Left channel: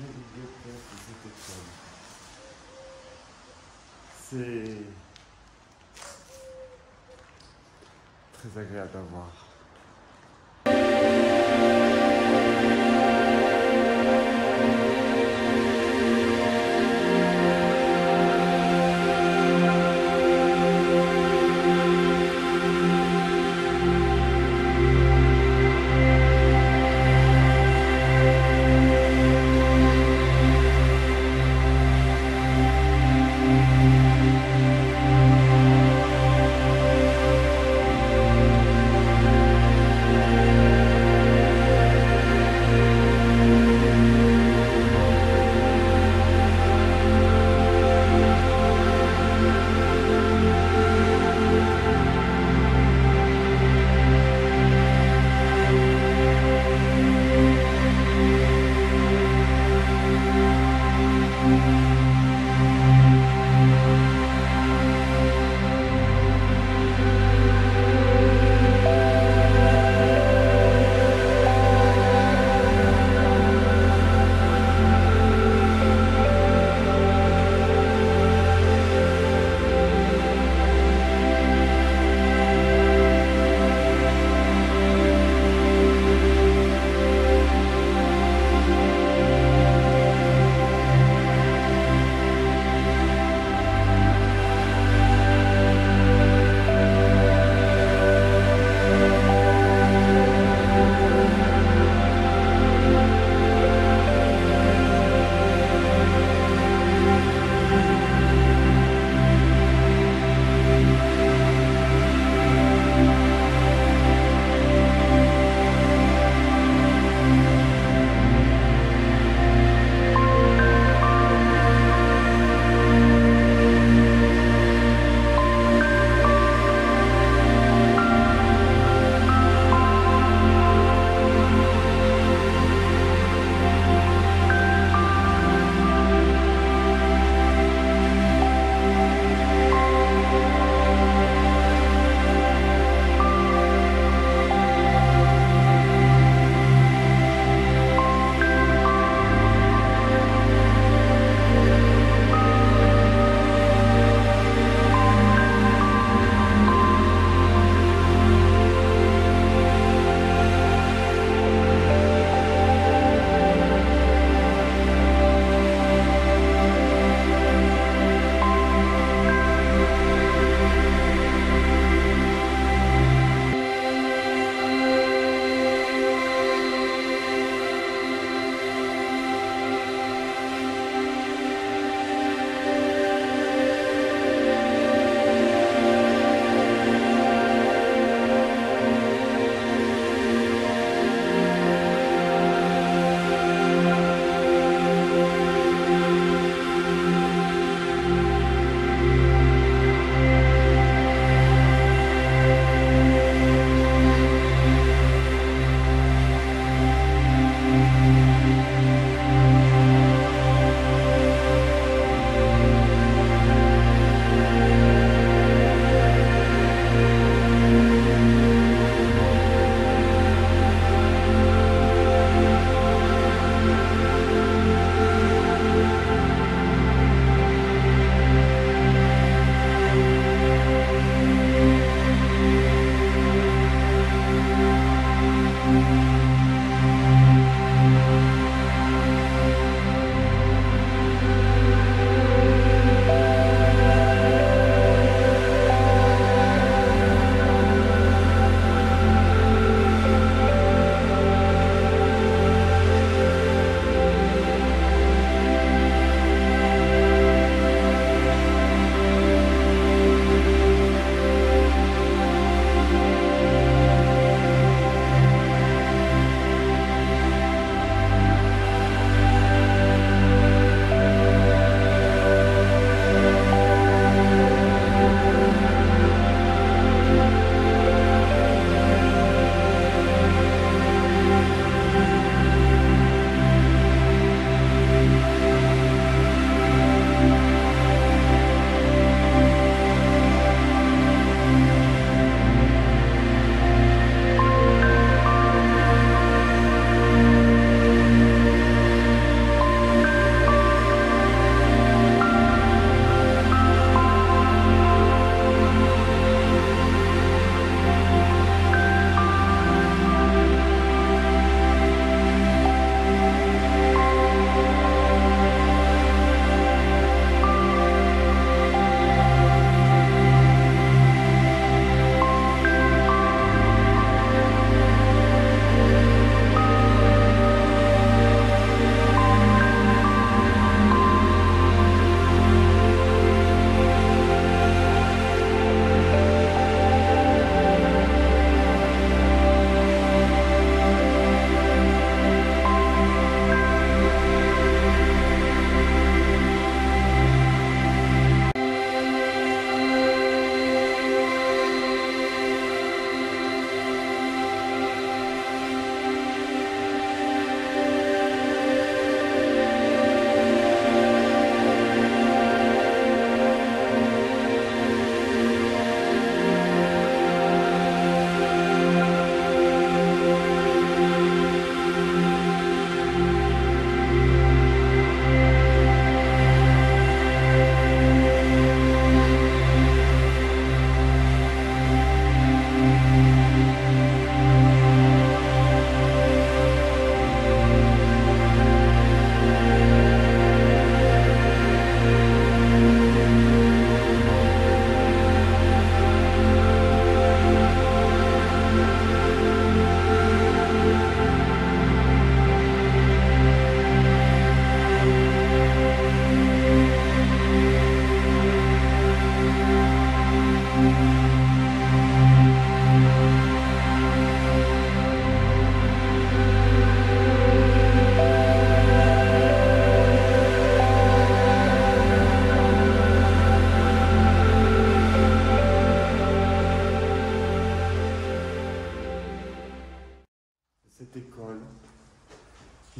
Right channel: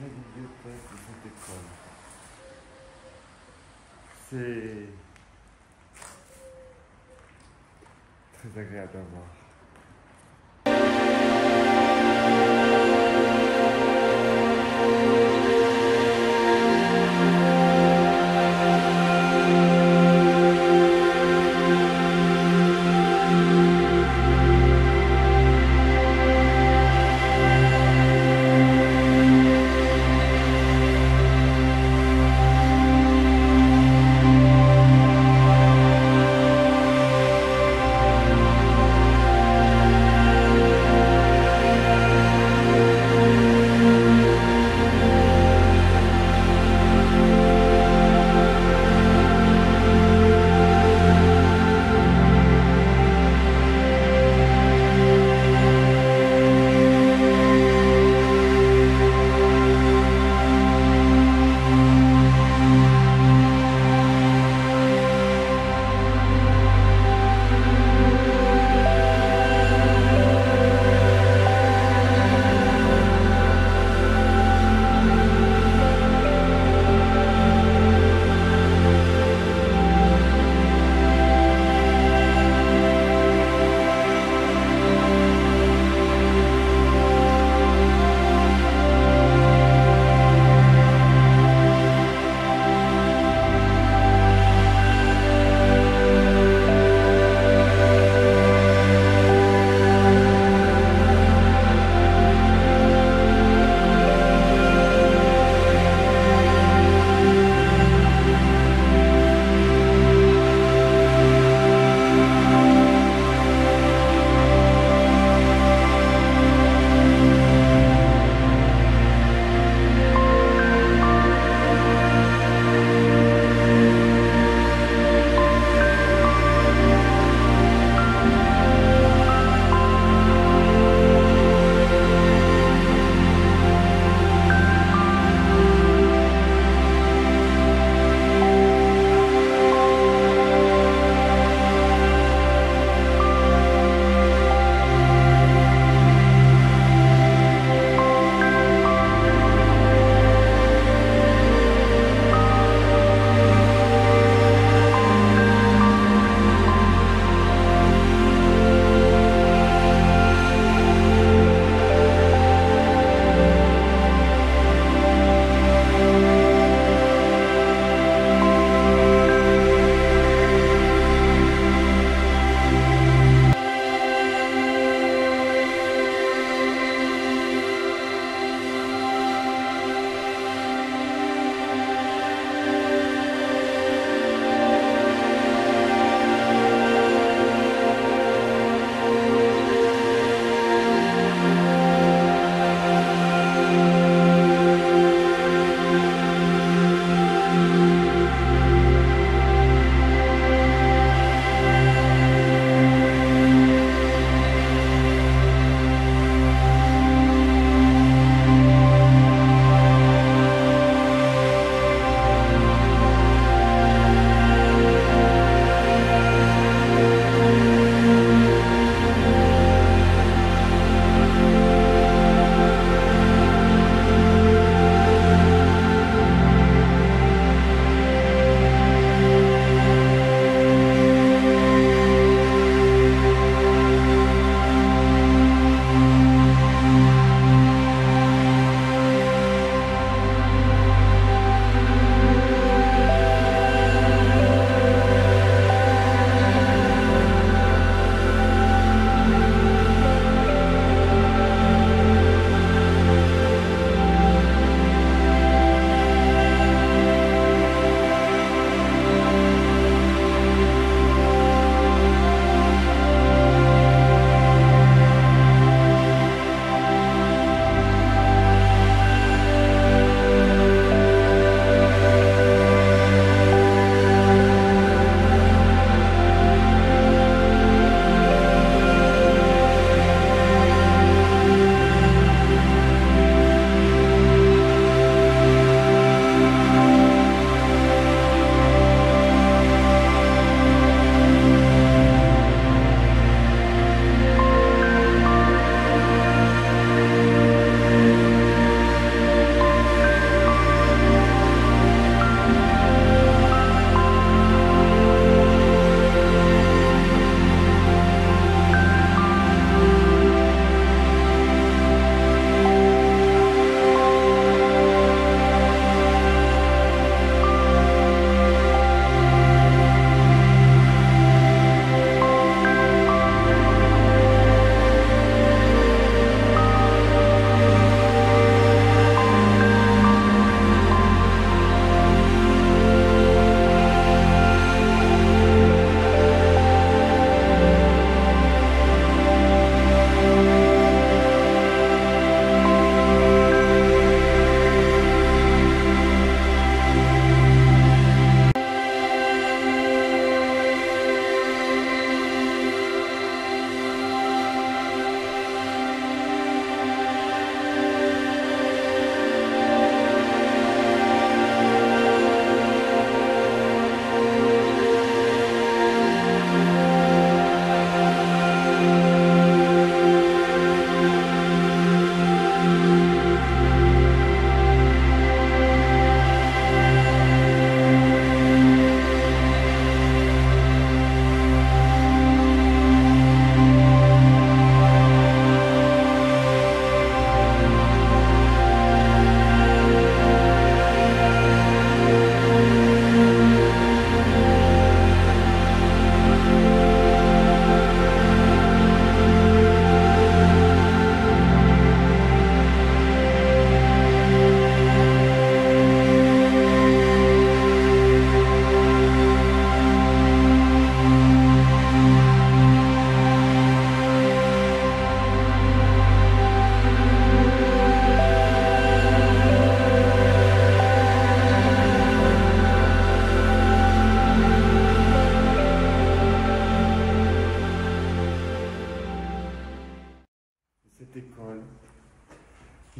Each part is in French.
la bibliothèque de cette école. C'est très agréable à voir.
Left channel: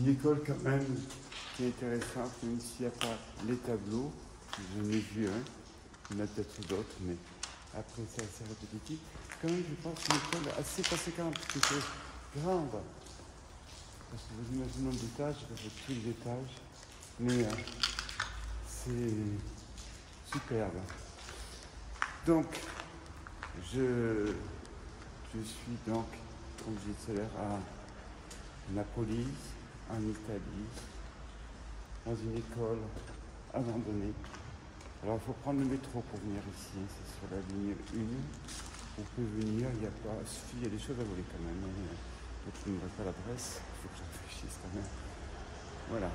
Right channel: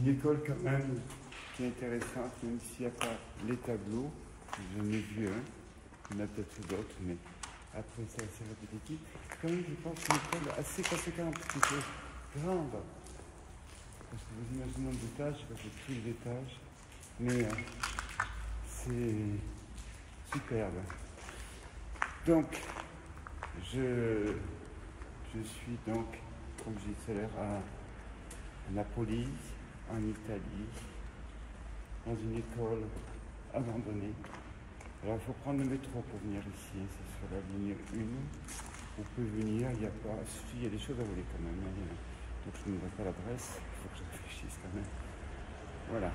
une école quand même qui est intéressante, même s'il n'y a pas les tableaux. J'en ai vu un, il y en a peut-être d'autres, mais après c'est assez répétitif. Quand même, je pense que une école assez conséquente, qui est grande. Parce que vous imaginez le nombre d'étages, je sais pas tous les étages, mais c'est superbe. Donc, je suis donc, comme je disais tout à l'heure, à Napoli, en Italie, dans une école abandonnée. Alors il faut prendre le métro pour venir ici, hein. C'est sur la ligne 1. On peut venir, il y a des choses à voler quand même. Hein. Donc je ne vois pas l'adresse, il faut que je réfléchisse quand même. Voilà.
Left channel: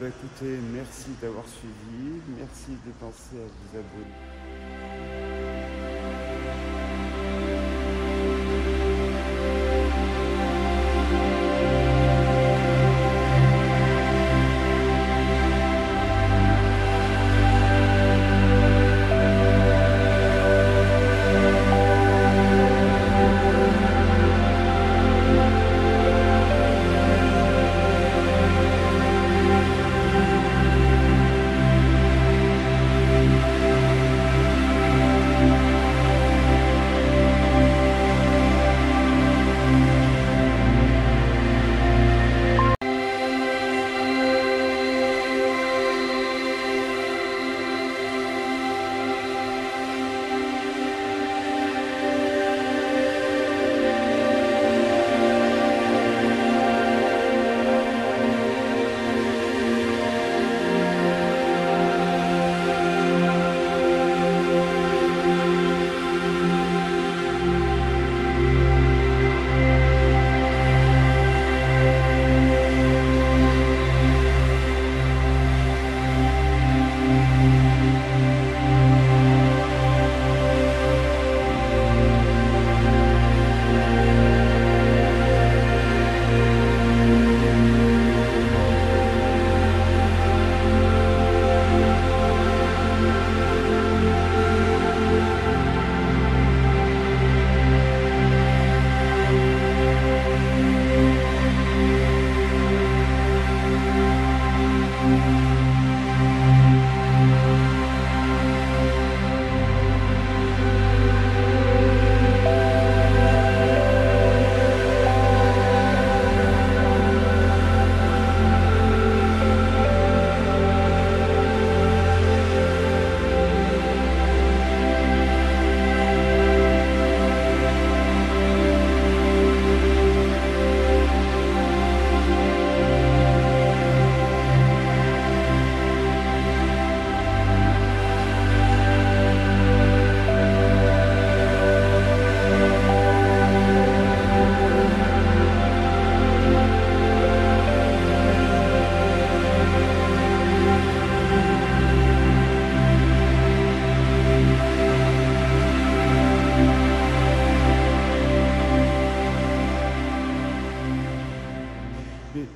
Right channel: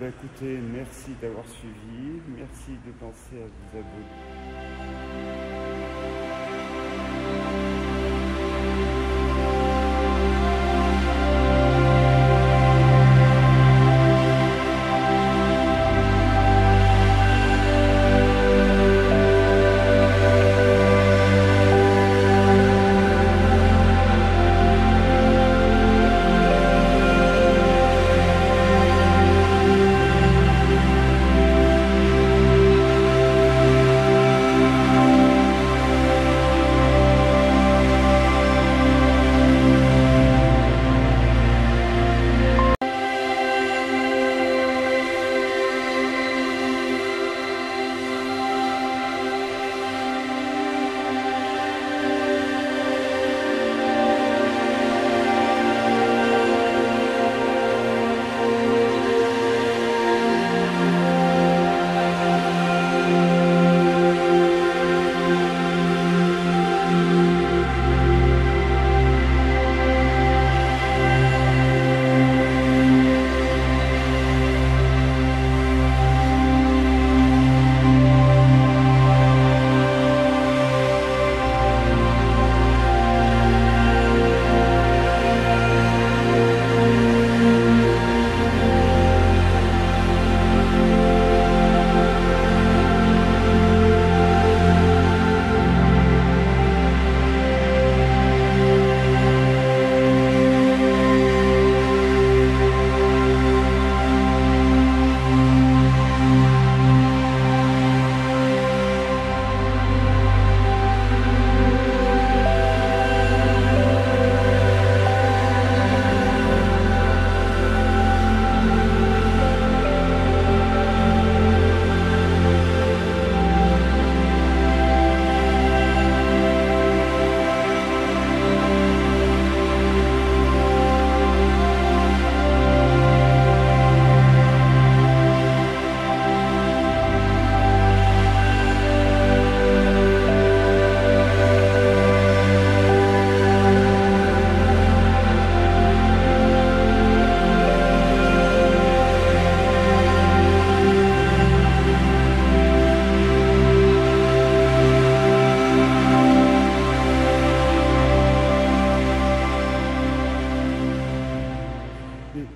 Écoutez, merci d'avoir suivi, merci de penser à vous abonner.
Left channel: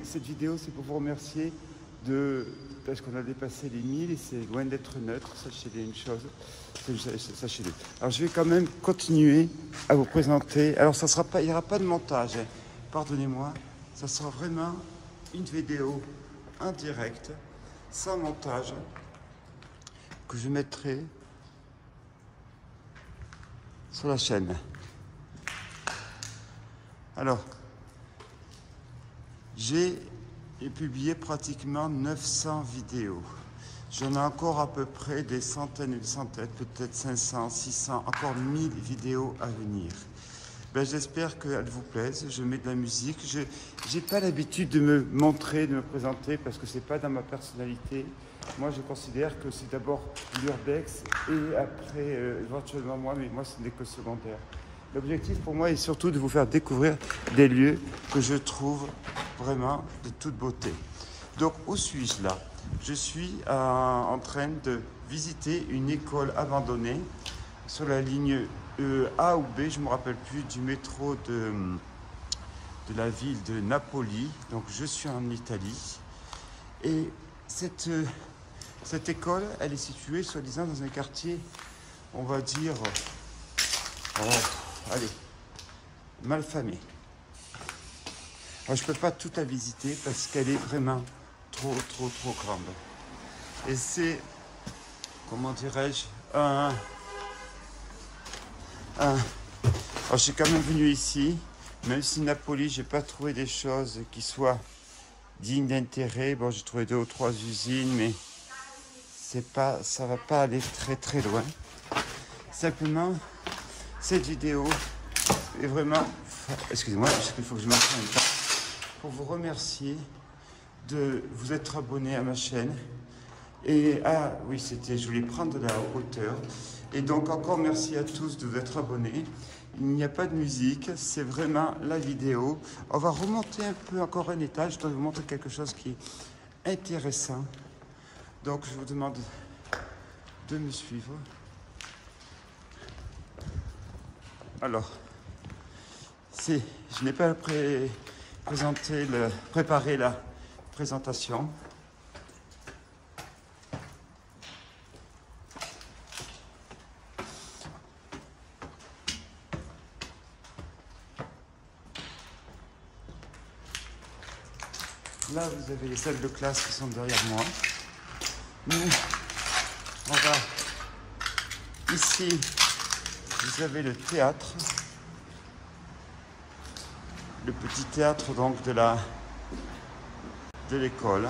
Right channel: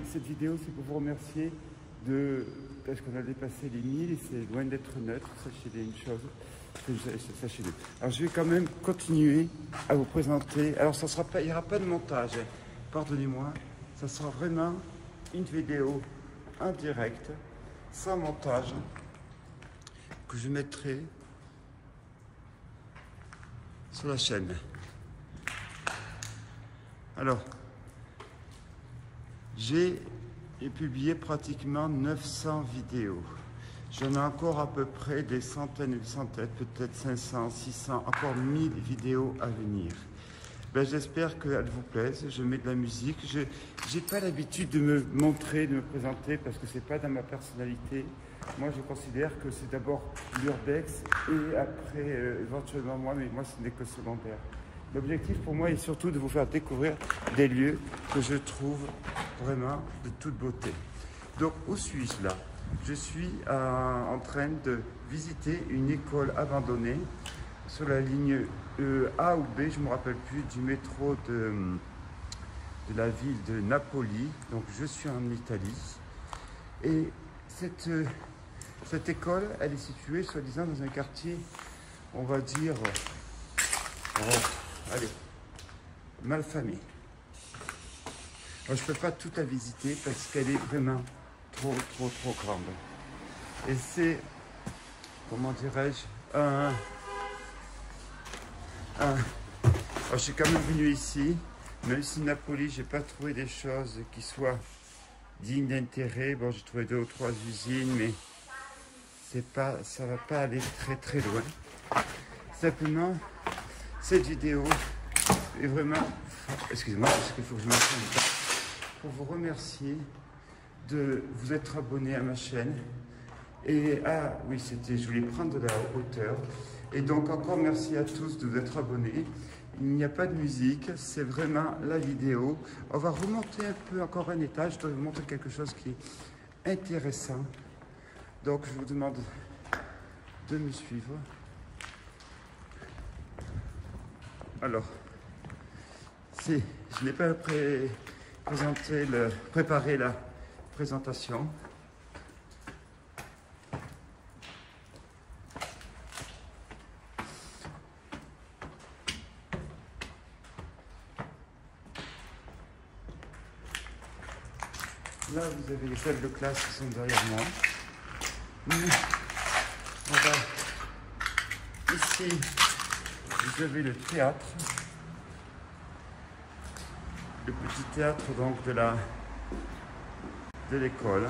Cette vidéo, c'est pour vous remercier parce qu'on a dépassé les 1000 et c'est loin d'être neutre, sachez-le une chose, sachez-le. Alors je vais quand même continuer à vous présenter, alors ça sera pas, il n'y aura pas de montage, hein. Pardonnez-moi, ça sera vraiment une vidéo en direct, sans montage, que je mettrai sur la chaîne. Alors, j'ai publié pratiquement 900 vidéos. J'en ai encore à peu près des centaines et des centaines, peut-être 500, 600, encore 1000 vidéos à venir. J'espère qu'elles vous plaisent. Je mets de la musique. Je n'ai pas l'habitude de me montrer, de me présenter, parce que ce n'est pas dans ma personnalité. Moi, je considère que c'est d'abord l'urbex et après, éventuellement moi, mais moi, ce n'est que secondaire. L'objectif pour moi est surtout de vous faire découvrir des lieux que je trouve vraiment de toute beauté. Donc, où suis-je là? Je suis en train de visiter une école abandonnée sur la ligne A ou B, je ne me rappelle plus, du métro de la ville de Napoli. Donc, je suis en Italie. Et cette école, elle est située, soi-disant, dans un quartier, on va dire... allez, malfamé. Alors, je ne peux pas tout la visiter parce qu'elle est vraiment trop grande. Et c'est, comment dirais-je, alors, je suis quand même venu ici, même si Napoli, j'ai pas trouvé des choses qui soient dignes d'intérêt. Bon, j'ai trouvé 2 ou 3 usines, mais c'est pas, ça va pas aller très loin. Simplement, cette vidéo est vraiment, excusez-moi, parce qu'il faut que je m'entraîne un peu, pour vous remercier de vous être abonné à ma chaîne. Et oui, je voulais prendre de la hauteur. Et donc encore merci à tous de vous être abonnés. Il n'y a pas de musique, c'est vraiment la vidéo. On va remonter un peu encore un étage. Je dois vous montrer quelque chose qui est intéressant. Donc je vous demande de me suivre. Alors, je n'ai pas préparé la présentation. Là, vous avez les salles de classe qui sont derrière moi. On va ici, vous avez le théâtre, le petit théâtre donc de l'école.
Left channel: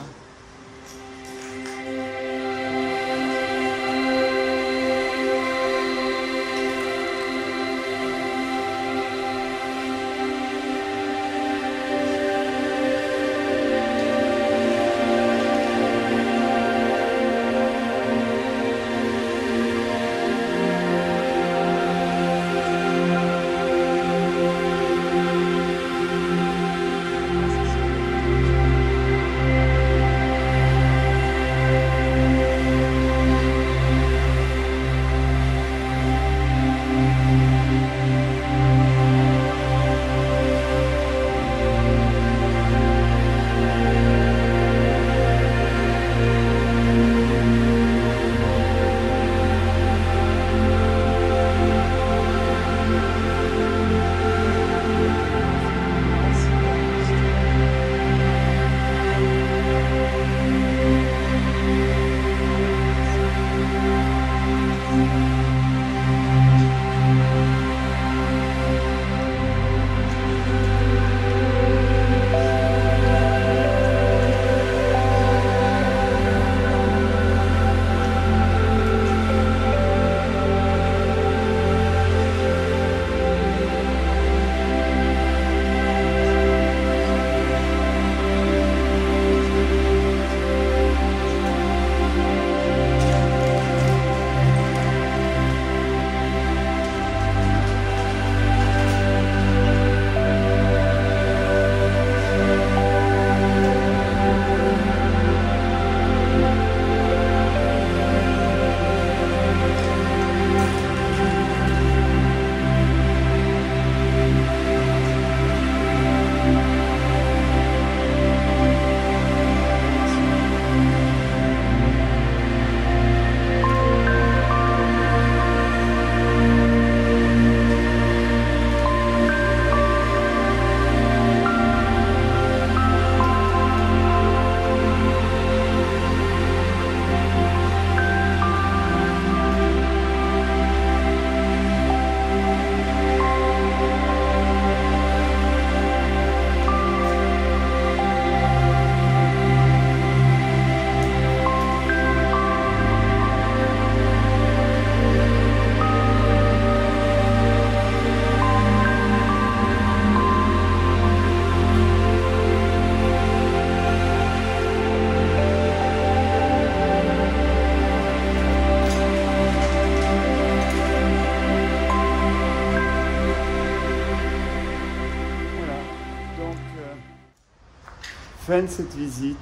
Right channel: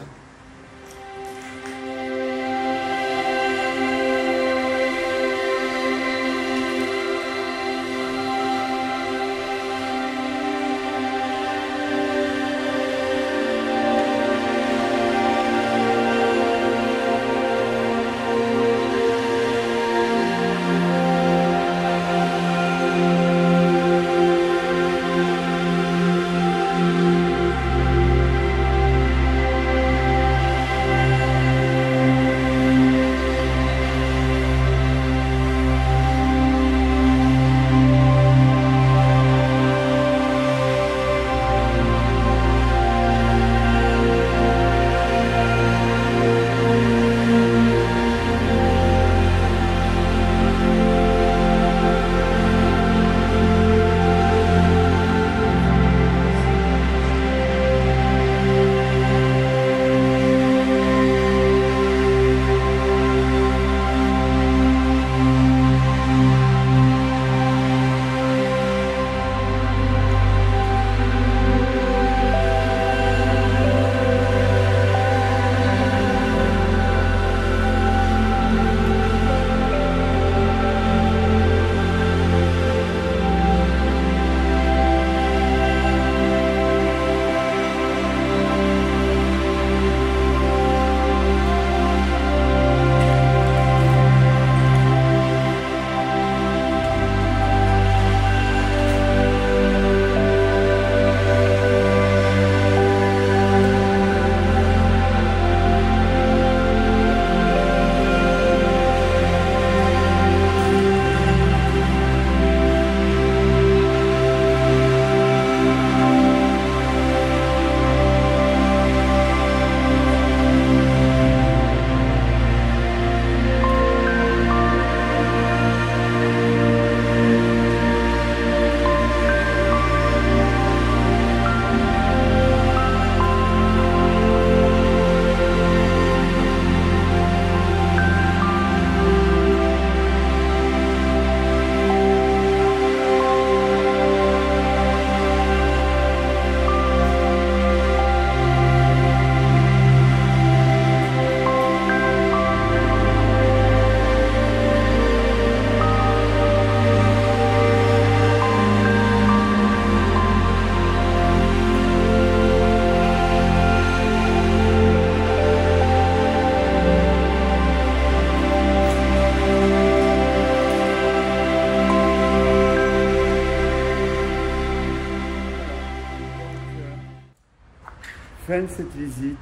Fin de cette visite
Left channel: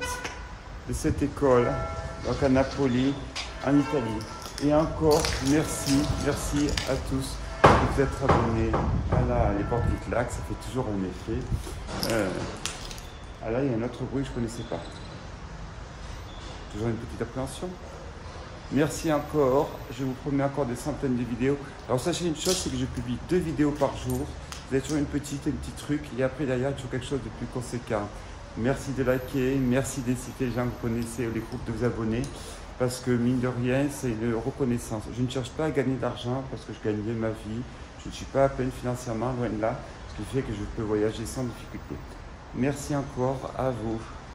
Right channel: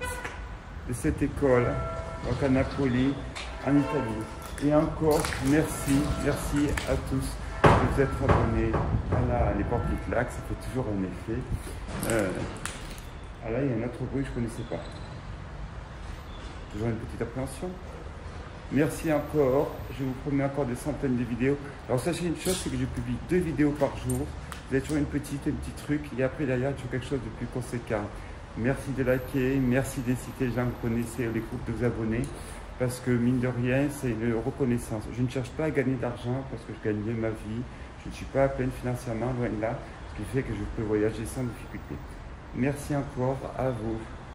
de cette école, donc à Napoli, en Italie. Et encore, merci à tous de vous être abonnés. Voilà, les portes du claque, ça fait toujours un effet. Ah là, il y a un autre bruit que je ne connaissais pas. Toujours une petite appréhension. Merci encore. Je vous promets encore des centaines de vidéos. Alors sachez une chose, c'est que je publie 2 vidéos par jour. Vous avez toujours un petit truc, et après derrière, toujours quelque chose de plus conséquent. Merci de liker, merci d'inciter les gens que vous connaissez, les groupes de vous abonner, parce que mine de rien, c'est une reconnaissance. Je ne cherche pas à gagner d'argent parce que je gagne bien ma vie. Je ne suis pas à peine financièrement, loin de là, ce qui fait que je peux voyager sans difficulté. Merci encore à vous.